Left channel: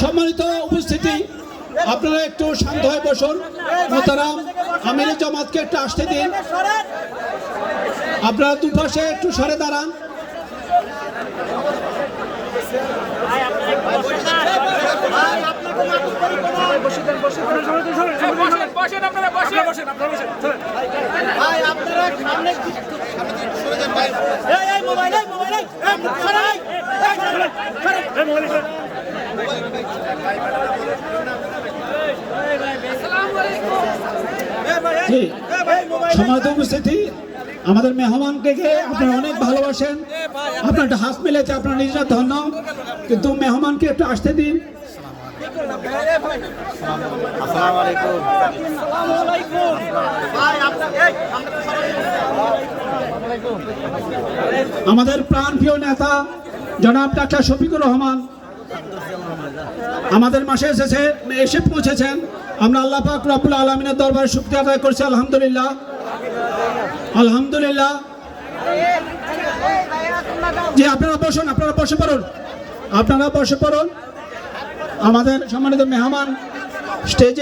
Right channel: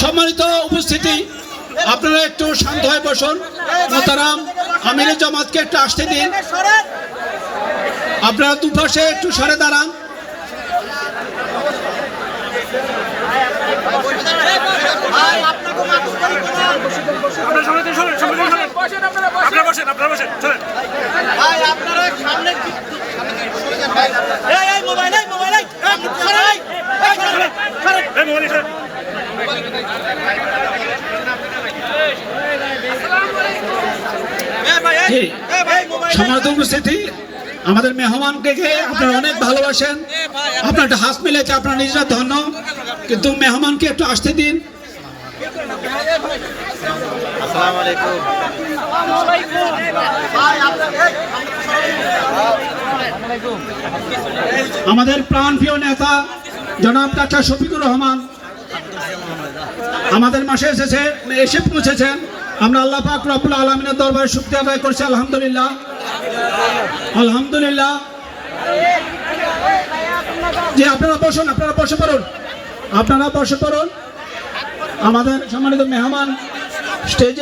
সম্মানিত উপস্থিতি আপনারা একটু শান্ত হয়ে বসুন মোতারাম আমিরের জামাতকে একটু আসতে দিন আপনারা দুপাশে একটু সরে দাঁড়ান আপনার সরেন। আপনারা বসেন, আপনারা বসেন, চলেন। ভাই আপনারা আমাদের মেহমানকে আপনারা অনেক ভালোবাসেন। আপনার একটা হাত মিলেছে, আপনার নিজেরা ধন্য। কিন্তু মেহমানকে একটু আসতে দিন। আমাদের প্রাণপ্রিয় নেতা, জনাব ডাক্তার শফিকুর রহমান আমাদের মাসে এসেছে এসে পৌঁছেছেন। আমরা আল্লাহ পাক রব্বুল আলমিনের দরবারে শুক্রিয়া আদায় করছি, আলহামদুলিল্লাহ। আলহামদুলিল্লাহ। জি, আপনারা বসুন, আপনারা বসে পড়ুন। আপনারা বসে পড়ুন। আমাদের সম্মানিত মেহমান স্টেজে